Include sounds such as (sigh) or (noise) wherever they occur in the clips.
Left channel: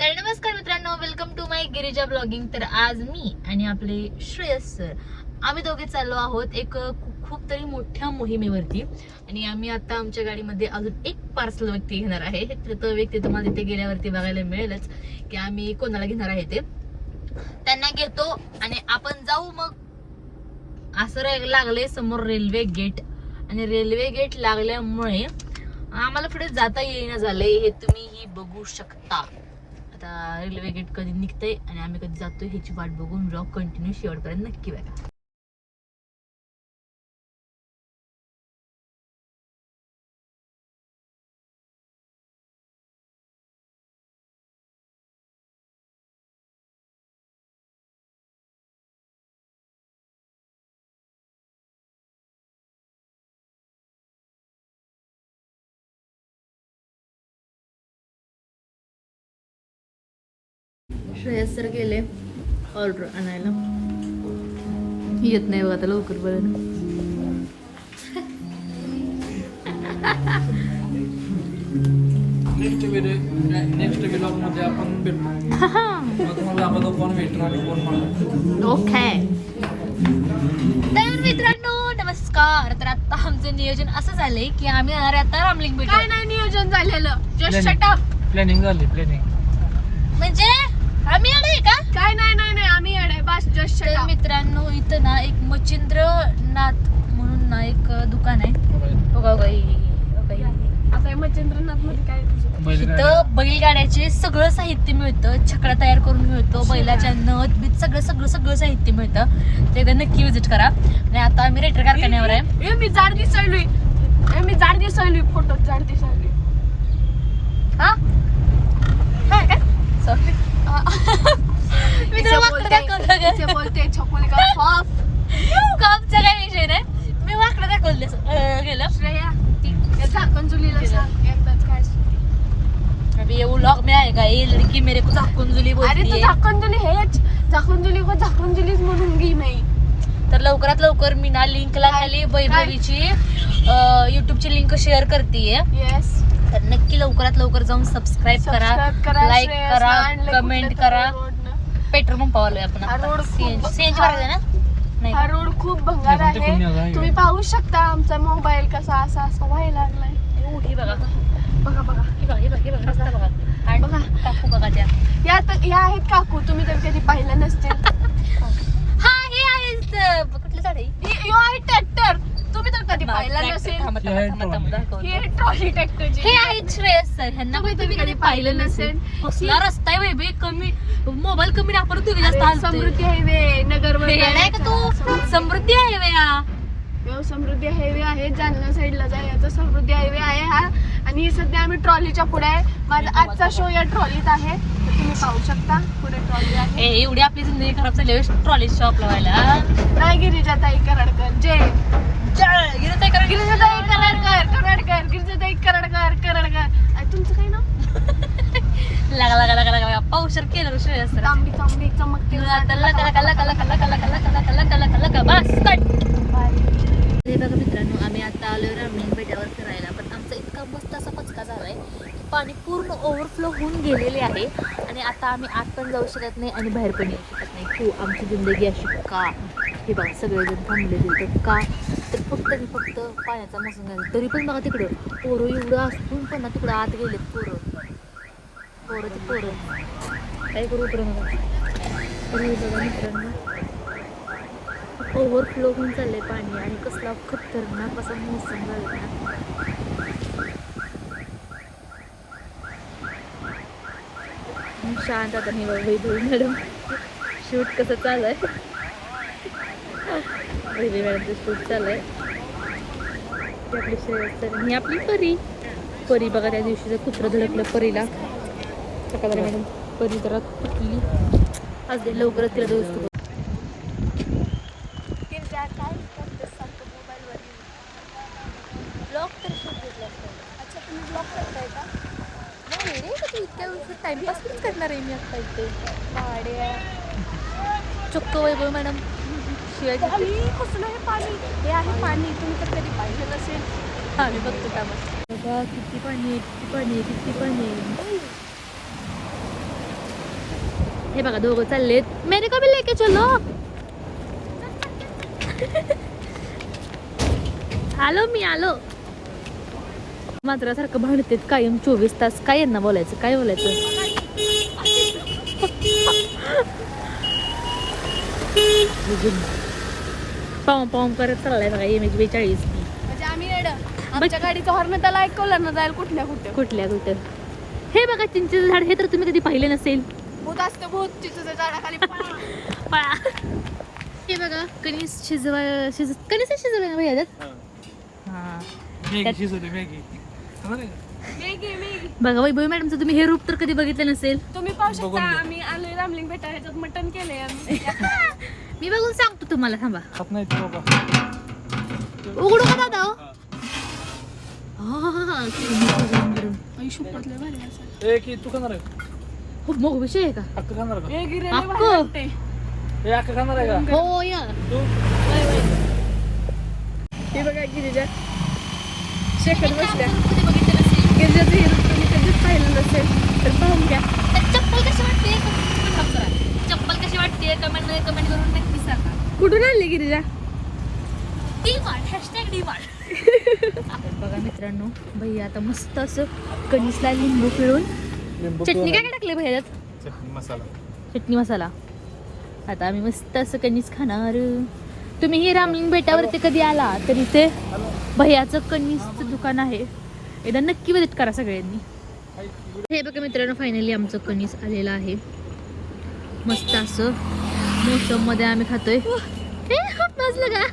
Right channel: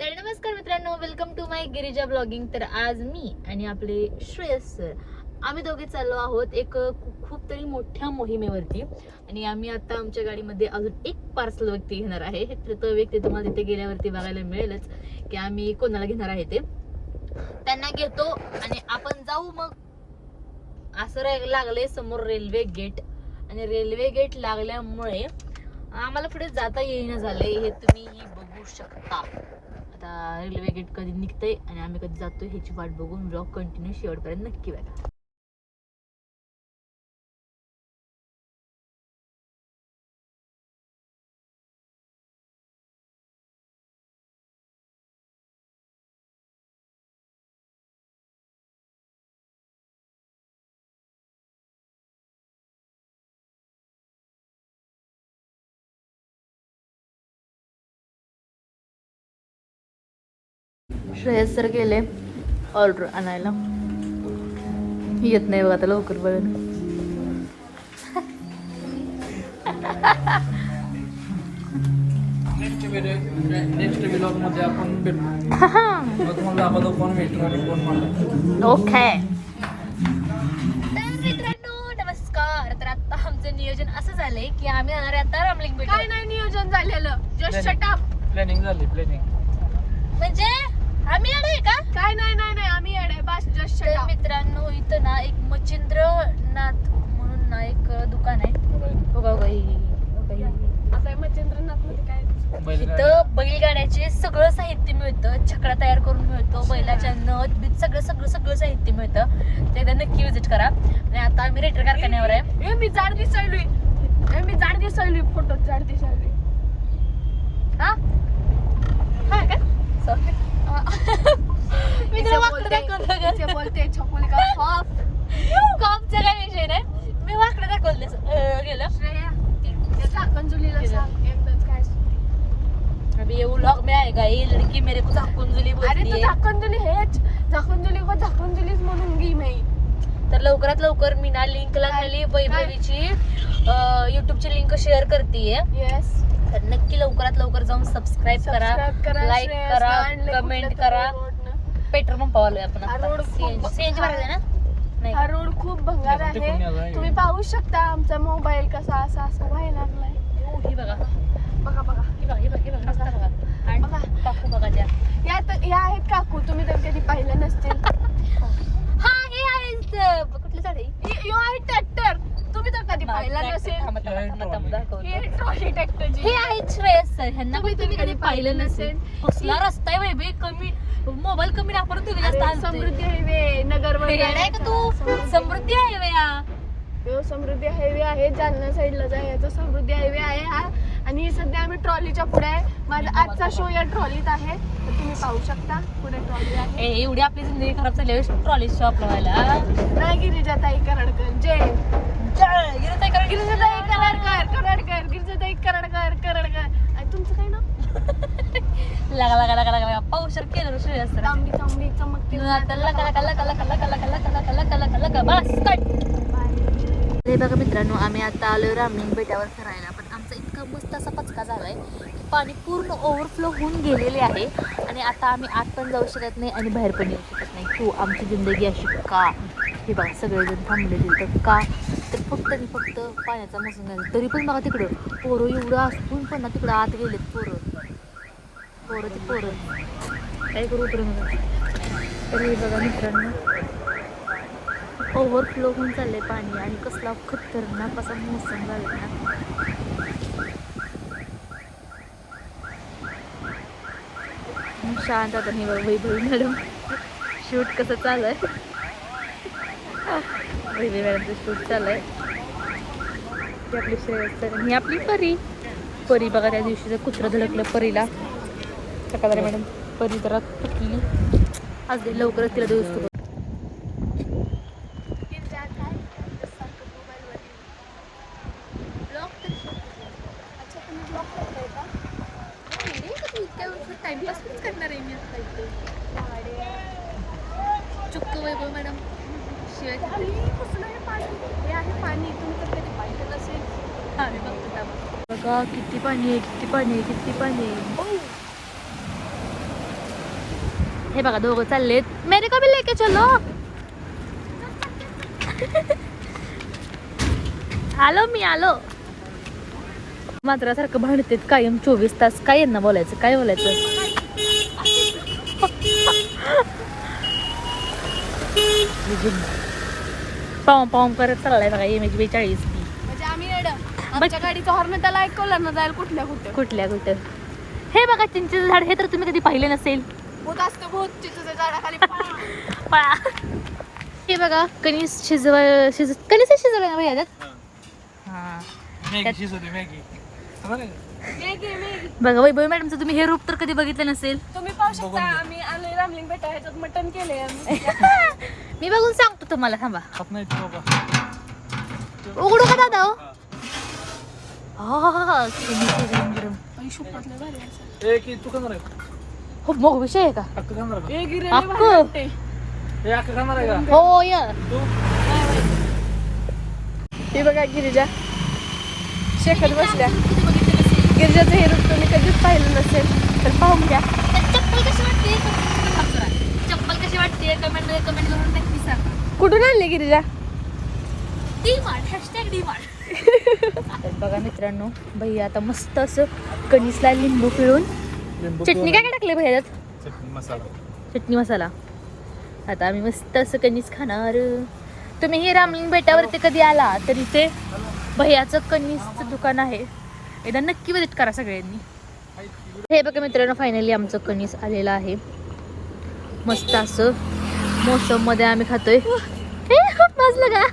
तर नमस्कार मित्रांनो welcome to my Girija blogging तर आज मी आणि आपले श्रेयस सर आम्ही दोघे चाललो आहोत एक खूप तरी मोठ्या मोहिमेवरती. आणि आम्ही आता आमच्या गाडीमध्ये अजून एक पार्सल व्यक्ती घेणार आहे. तर तो व्यक्ती तुम्हाला तिथे गेल्यावरती बघायला मिळेलच की आम्ही कोणाला घेणार आहे ते. त्यांना घेतो आणि आपण जाऊ मग. असं रे- लागले समोर रेल्वे गेट आणि रेल्वे गेट लागल्यामुळे आम्हाला पुढे जाता येईना झाले हे तुम्ही ही बघू शकता. रेल्वे गेट कधी निघतंय आणि आम्ही कधी जातोय ह्याची वाट बघून ब्लॉग कंटिन्यू शेवटपर्यंत नक्की बघा. श्रेयस सर गेले. ऑर्डर आणायला. येत नाही बघा आता लवकर पर्यंत नेक्स्ट व्हिडिओ नेक्स्ट व्लॉगमध्ये आपण भेटू. मग तुम्हाला दाखवतो कोण भेटू आणि कोण मला ओके तर मित्रांनो नमस्कार. तर आता आमचं नियोजन असं झालंय की आम्ही आता रामलिंग भेट काय नाही नियोजन झालेलं. जस्ट प्लॅनिंग झाली प्लॅनिंग म्हणजे आम्ही येणार आहे का? काय नाही नाही नाही आम्ही येणार बस जस्ट तर मित्रांनो इथं ना एक मच्छिंद्रनाथ म्हणून ना एक दुकान आहे. बघा बाई. आता हे मच्छिंद्रनाथमध्ये काय तुझं? इथं बैलगाड्याचे सगळं साहित्य मिळतं. छकडा तयार करून मिळतो. बैलाच्या नथ बीत सगळं सगळं सगळं साहित्य मिळतं. ते एकदा नक्की विजिट करा. आणि आता आम्ही रेटर कारखान्यावर आहे. ए मी जाड दिसायलोय. ए मी जाड दिसायलोय. फोटो जाड दिसायलोय. हा? हा काय? सॉरी (laughs) मी तुला वाकडं दाखवलं ग. बोलते हॉफ कामचा विषय नाही. मी वाकडं दाखवलं असं, अं, गेलं. श्रेया झाकण जुलीला सांग एकदाच काय अभी ये व्लॉग में आएगा ये लड़की मेरे को झाकुंजुली अरे बोलती तू झाकण जुली हेच. झाकण जुली को झाकण जुलीच म्हणून घे नाही तर लवकरात लवकर मी ना लिंकला खाली वैभवीची युट्यूबची लिंक शेअर करतेय. येस तर नक्की लवकरात लवकर जाऊन सबस्क्राईब करा लाईक करा कमेंट करा पेट्रोल पंप आलोय आपण रोड खूप सीएनजी ना? नाही हा का? रोड खूप भंगार आहे. तुम्ही पाहू शकता आमचा मोबाईल कसा असा असा व्हायला. लागलाय. हे बघा. बघा बघा. हे बघा हे बघा हे बघा रस्ता बघा. आणि बघा. काकू बघा त्या. यात या आहेत काकू. तुम्ही तर कधी पाहिलं नसतील. हा हे आहे कुठलं झाड आहे? ह्यो आहे तर कधी पाहिलं. नसेल थांबा, थांबा, थांबा, थांबा, दाखवतो. हे ट्रॉली हे आहे श्रेयस सर ह्यांना तुम्ही पण तुम्ही कधी पाहिलं नसेल. कसला रस्ता आहे बाई कमी मोबाईल कमी वापरत तुम्ही जास्त. समृद्धी हायवे नगर हे आहे का तू? समृद्धी आहे बया ह्यो समृद्धी हायवे आहे. जालना साईडला जायचं. समृद्धी हायवे आहे हा. आणि ही सध्या आम्ही ट्रॉलीच्या पुढे आहे. माझा आजचा शो या ट्रॉलीत आहे. तुम्ही पाहू शकता पुढे ट्रॉली आहे. ए, एवढी आपली जिंदगी खराब झाली ट्रॉली शॉप लावायला नाही गिरिजाताई करडकर. जय जळ, गिरत आहे का? गिरिजाताई करडकर करडकर गिरिजाताई करडकर करडकर आणि तुमचं काय नाव लागा लागा लागा लागा लागा पावशर केलं श्रेयस सर तांबडी तांबडी चमकते लका लका लका लका लका लका लका लका लका लका लका बस कट हे बघा मित्रांनो आम्ही आता आलो रामलिंग बेटावर फिरायला पण आमचा इतका मस्त असा पचका झालाय की पाणी पूर्ण ओव्हरफ्लो होऊन गेलेले आहे आणि आता आम्ही आत पण जाऊ शकत नाही आणि बाहेर पण येऊ शकत नाही तू आमची जिंदगी अशी का हे बघा सगळेजण थांबलेले तर का तर फक्त आणि फक्त पाण्याचा मोसम झाला तरी पण बघा तिकडं पोरं एवढं असून पण ना तिकडं आत गेलेत पोरं. पोरं ते पोरं. काय करू उतरू नका तर बघा मित्रांनो. ओव्हरफ्लो होऊन चाललंय पाणी आणि कसला खतरनाक असा मोसम झाला ना. शांत आता वैभवी मॅडम. शूट कसं चाललंय? पहिली वेळाचं शूट चालू आहे आपली श्रेयस्तर ही आपली परी परी बघा त्या दिवशी जर कुत्रं धडकलं परीला सकाळी मॅडम परी जरा तुटली आज लवकरच तिला दिवस टाइमपास करणार आहे मी आता इथे चुक्क वैभव मॅडम शिवाय आणि कसलं हे पाणी. हे आहे पाणी. तुम्ही तर कधी पाहिलं नसेल हा मी बघतो बघा किती पाणी आहे किती पाणी आहे किती पाणी आहे. हे बघा दोघं चाललेत. मेरे को भी लेके चलो. आलो मी आलो. मात्र सारखं भांडतेत कायम चोवीस तास. काय यांना बोलायचं? काय बोलायचं? पाव पाव करत चाललाय बघा एम एच बेचाळीस. म्हणजे आम्ही आमच्या गाडीचा हॉर्न त्याला ऐकवलं ना जाईल कुठल्या कुठे. कुठल्या कुठं? हे बघा चिंचेचं झाड हे तर तुम्ही कधी पाहिले नसेल. भूत असतं भूत. चिचूच्या झाडाखाली पळा. (laughs) पळा. हे बघा कणीस शिजवा शिज कणीस शिजवायला नाही ह्याच्यात हा. मॅगी शिजवते मॅगी. मेगी मेगी बघा वैभव मॅडमचं तुम्ही हे रूप तर कधी बघितलं नसेल? तुम्ही पाहू शकता आम्ही आलोय रामलिंग बेटा ह्याच्यात मटन केलंय आम्ही. (laughs) मी बघून सांगतो तुम्हाला थांबा. खात नाही ते बाबा. उघडू का दादा हो? कणीस आई शपथ लय भारी असं. ए की तू खाणार आहे खूप मोग विषय आहे का? अक्का खाणार का? ए गिरे अक्क. ए अक्का खाणार आहे का? हो या. तू? हे बघा गिरिजा. शेकत बसल्या. गिरिजाचं हे रूप तुम्ही कधीच पाहिलं नसेल तर पाहून घ्या. चप्पल कशी वाटते? चप्पल कशी वाटते? कमेंटमध्ये कमेंट करून नक्की सांगा. कुठून आणली गिरिजा? तर बघा मित्रांनो भैया आता मस्त असं कणीसला लिंबू पिळून चटणी काय काय टाकले भैयात? चटणी मसाला. चटणी मसाला. आता आम्ही मस्त असं कणीस खाणार. तुम्ही हे रामलिंग बेटावरती कधी आला? तर इथे भैयाचं कणीसचं दुकान आहे. एकदा नक्की विजिट करा सगळ्यांनी. हे बघा मित्रांनो फायनली आमचं कणीस आलेलं आहे. मस्त असं मोसममध्ये आम्ही खातोय. वाजलं का?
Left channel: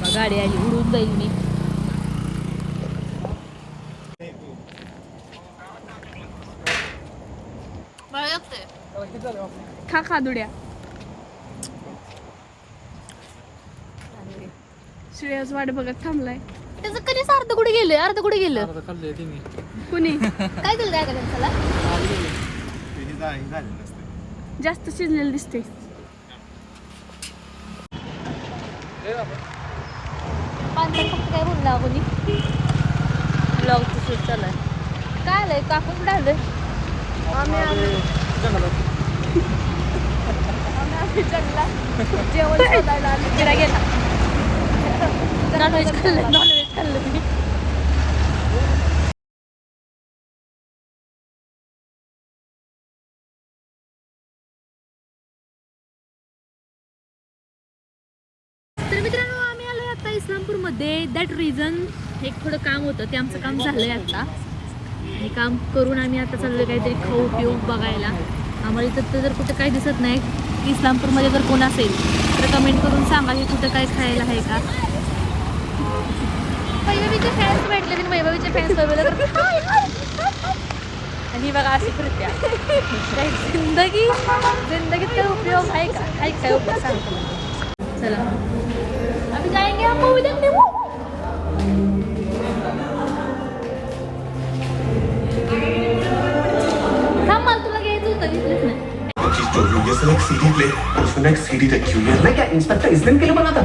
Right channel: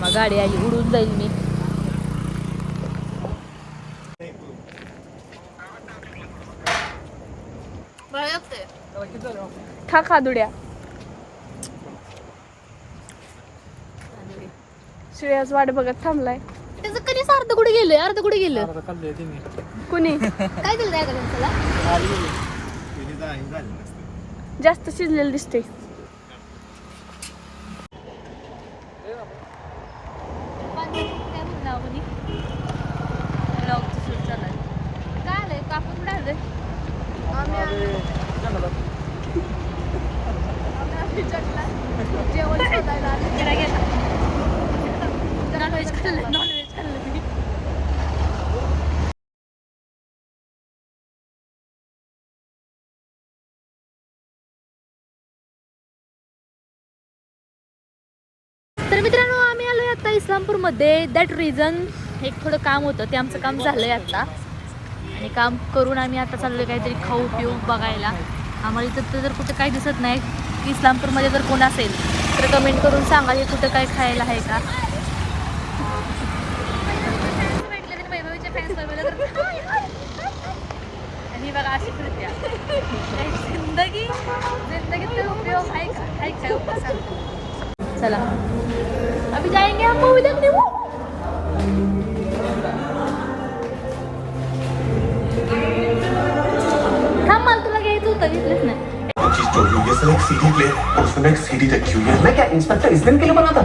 मग गाडी आली उडून जाईल मी. खा खादुड्या. श्रेयाच वाट बघत थांबलाय. त्याचं कणीस अर्ध कुठे गेलं? अर्ध कुठे गेलं? आता खाल्ली तिने. कुणी? काय त्या कणसाला जास्त शिजलेलं दिसते काय बोलला कोणी शूट चालू आहे काय आलंय? काकून कुठे आलंय? आम्ही आम्ही जंगलात. आम्ही जंगलात. जेवण (laughs) शोधायला आम्ही गेला गेला. नॉनव्हेज खाल्लं नॉनव्हेज खाल्लं मी तर मित्रांनो आम्ही आलोय आता इस्लामपूरमध्ये. दॅट रिझन एक थोडं काम होतं. ते आमचं काम झालंय आता. आणि काम करून आम्ही आता चाललोय काहीतरी खाऊ पिऊ बघायला. आम्हाला इथं तर जर कुठं काही दिसत नाही इस्लामपूरमध्ये जर कोण असेल तर कमेंट करून सांगा की कुठं काय खायला आहे का. हाय, हाय. आणि बघा अशी कृत्या काही ज़िंदगी जिंदगीत काय उपयोग आहे का काय काय उपयोग सांगतो चला। अभी जाएँगे हम मूवी देखने वो। थांब मला तुला घ्यायचं होतं घेतलंच नाही चीज़ है सर एक सीडी प्ले और उसमें एक सीडी हुई है। मैं क्या इंस्पेक्टर इस दिन के लिए बना था?